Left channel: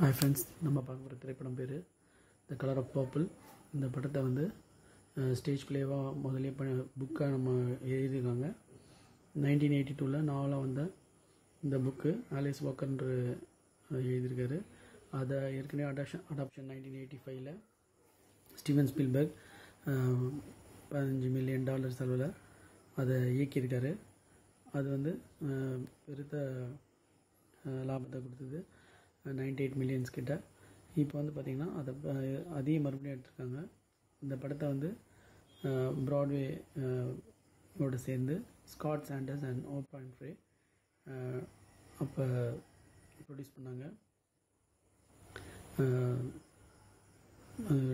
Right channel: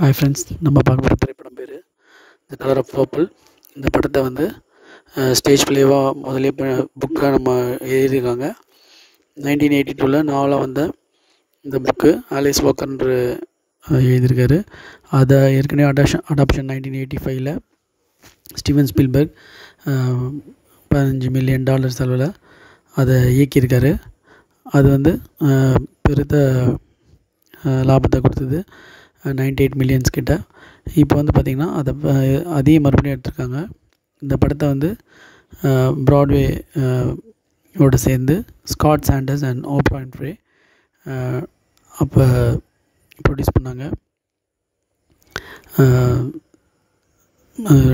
Hi friends, நம்ம பார்க்க போகிற திரைப்படம் பேர் த கலர் ஆஃப் பர்பிள். இந்த படத்தை வந்து ஸ்டேஜ் ப்ளேவாக முதலே புக்காக நம்ம எழுதியிருக்காங்க. 1982 நாவலாக வந்த இந்த புக்கு ஆலிஸ் வாக்கர்ன்ற எழுதியிருக்காரு. அதை ஏற்கனவே அடாப்ஷன் 1985 ஸ்டீவன் ஸ்பீல்பர்க் $15 மில்லியன் செலவில் அதை இயக்கியிருக்காரு. அது வந்து பெருத்த லாபத்தை கொடுத்தது, 98 மில்லியன்ஸ் கிட்ட. இப்போ வந்து பார்த்திங்கன்னா அதையும் மறுபடியும் எடுத்திருக்காங்க. இந்த படத்தை வந்து ப்ராட்வே யோடு சேர்ந்து Scott Sanders and Oprah Winfrey அப்போ ப்ரொடியூஸ் பண்ணாங்க.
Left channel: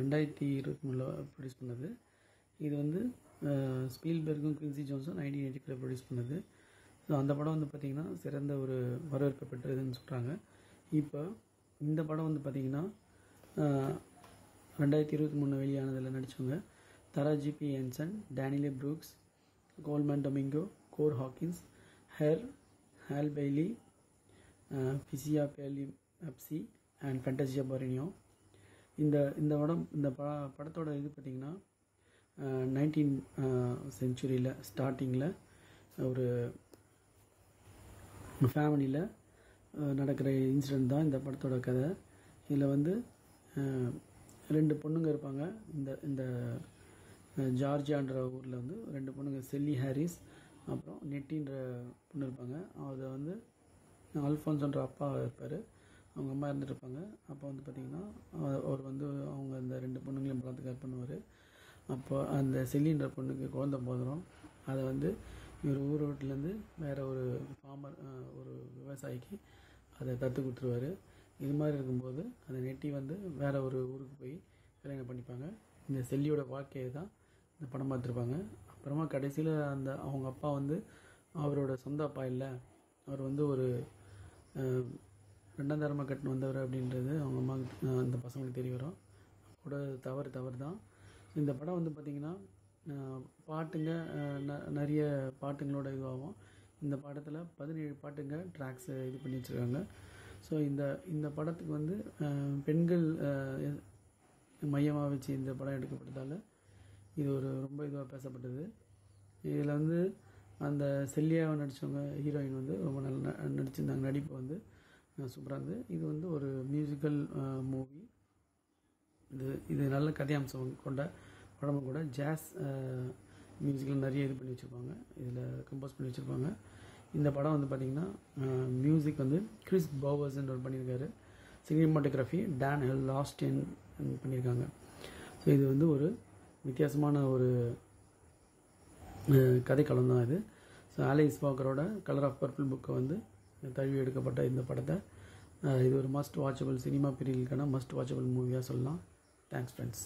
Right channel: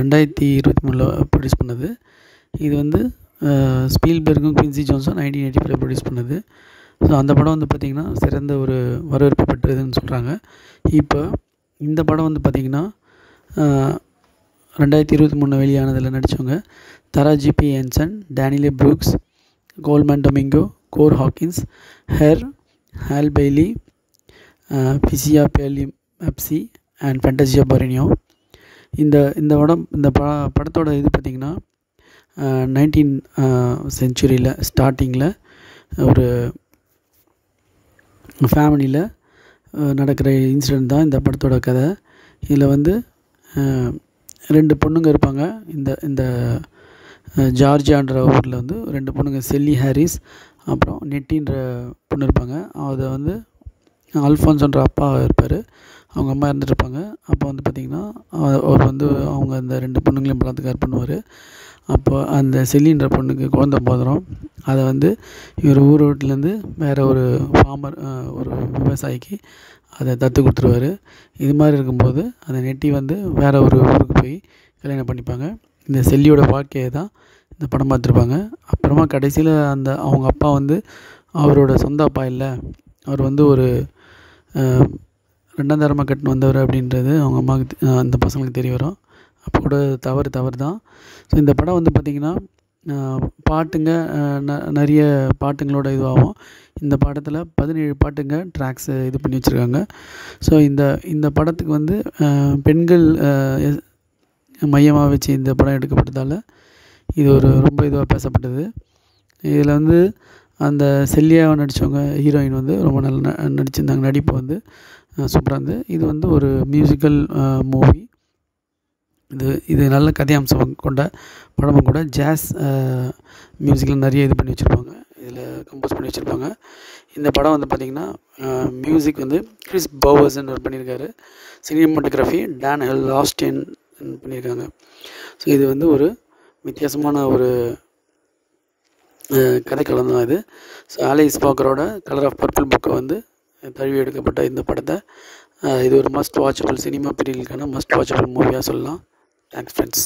2023 ப்ரொடியூஸ் பண்ணது. இது வந்து ஸ்பீல்பர்க்கும் குவின்சி ஜோன்ஸும் 1985 ப்ரொடியூஸ் பண்ணது. ஸோ அந்த படம் வந்து பார்த்திங்கன்னா சிறந்த ஒரு வரவேற்பு பெற்றதுன்னு சொல்கிறாங்க. இப்போ இந்த படம் வந்து பார்த்திங்கன்னா 2023 வெளியானதில் நடித்தவங்க Taraji P Henson, Danielle Brooks, Colman Domingo, Corey Hawkins, Halle Bailey, Phylicia Pearl Mpasi and Fantasia Barrino. இந்த படத்தோட இது பார்த்திங்கன்னா 19th செஞ்சுரியில் ஸ்டார்டிங்கில் ஒரு ஃபேமிலியில் நடக்கிற இன்சிடெண்ட் தான் இந்த படத்தோட கதை. இதில் வந்து 2 பொண்ணுங்க இருப்பாங்க. இந்த ஜார்ஜியான்ற ஊரில் வந்து 2 பொண்ணுங்க, செல்லி ஹாரிஸ் அப்புறம் நெட்டின்ற பொண்ணு இருப்பாங்க. அதை வந்து அல்ஃபான்ஸோன்ற அப்பா இருப்பார், அவங்க அம்மா இருந்துகிட்ருப்பாங்க. அப்போ வந்து பார்த்திங்கன்னா அவர் வந்து அவங்க அந்த 2 பொண்ணுங்களையும் பலாத்காரம் பண்ணுவார். அப்போ அந்த செல்லின்ற பொண்ணுக்கு குழந்தை போதும். அதை வந்து இவர் ஊர் வீட்டிலேருந்து வேறு ஒரு ஃபார்மர், ஒரு விவசாயிக்கு அதை தத்து கொடுத்துருவார். இது மாதிரி இருக்கும்போது அந்த நெட்டி வந்து வேறு ஒரு ஊருக்கு போய் கல்யாணம் பண்ணிப்பாங்க. இந்த செல்லியோட வாழ்க்கையை தான் இந்த படம் பார்த்துருப்பாங்க. அப்புறமா கடைசியில் அவங்க அப்பா வந்து அவரோட சொந்த அப்பா இல்லை, அவர் வந்து ஒரு 2ஆம் தரமாக கட்டின்னு வந்தவர் அப்படின்றது அவங்க அம்மாவுக்கு, அந்த பசங்களுக்கு தெரிய வரும். அப்போ கூட தவறு தான். ஸோ இந்த படம் வந்து பார்த்திங்கன்னா பாட்டுங்க நிறைய பாட்டுங்களோட இதுவாகும். இந்த படத்தில் 17 பாட்டுங்க ட்ராக்ஸ் இது பண்ணி வச்சுருக்காங்க. ஸோ இந்த படத்துக்கு வந்து பெண்கள் மையமாக வச்சு இந்த படம் எடுக்கப்பட்டதால் இது ஒரு ரொம்ப இதுவாக பேசப்பட்டது. இதில் வந்து அந்த செல்லியாவை நடித்தவங்க ஹீரோயின் வந்து ரொம்ப நல்லா நடிச்சிருந்தாங்க. நடிப்பு வந்து சூப்பராக இருந்தது. இது வந்து ஒரு மியூசிக்கல் மூவி. இது நல்ல கதையம்சம் கொண்ட படமும் கூட. ஜாஸ் மியூசிக்கில் நிறைய இது பண்ணி வச்சுருப்பாங்க, இதில் கம்போஸ் பண்ணி வச்சுருப்பாங்க. இந்த படம் வந்து பார்த்திங்கன்னா மியூசிக் வந்து கிறிஸ் பவர்ஸ்ன்னு பண்ணியிருக்காரு. சினிமாட்டோகிராஃபி டான் லாஸ்டேன் பண்ணியிருக்காங்க. ஸோ இது வந்து ஒரு வித்தியாசமான ஒரு கதைக்களம் தான் இது. ஸோ ஆலிஸ் வாக்கரோட கலர் ஆஃப் பர்பிள் புக்கை வந்து தழுவி எடுக்கப்பட்ட இந்த படத்தை இது ஒரு மஸ்ட் வாட்சபிள், சினிமா பீரியலுக்கான மஸ்ட் வாட்சபிள் மூவியாக சொல்லலாம். Thanks friends.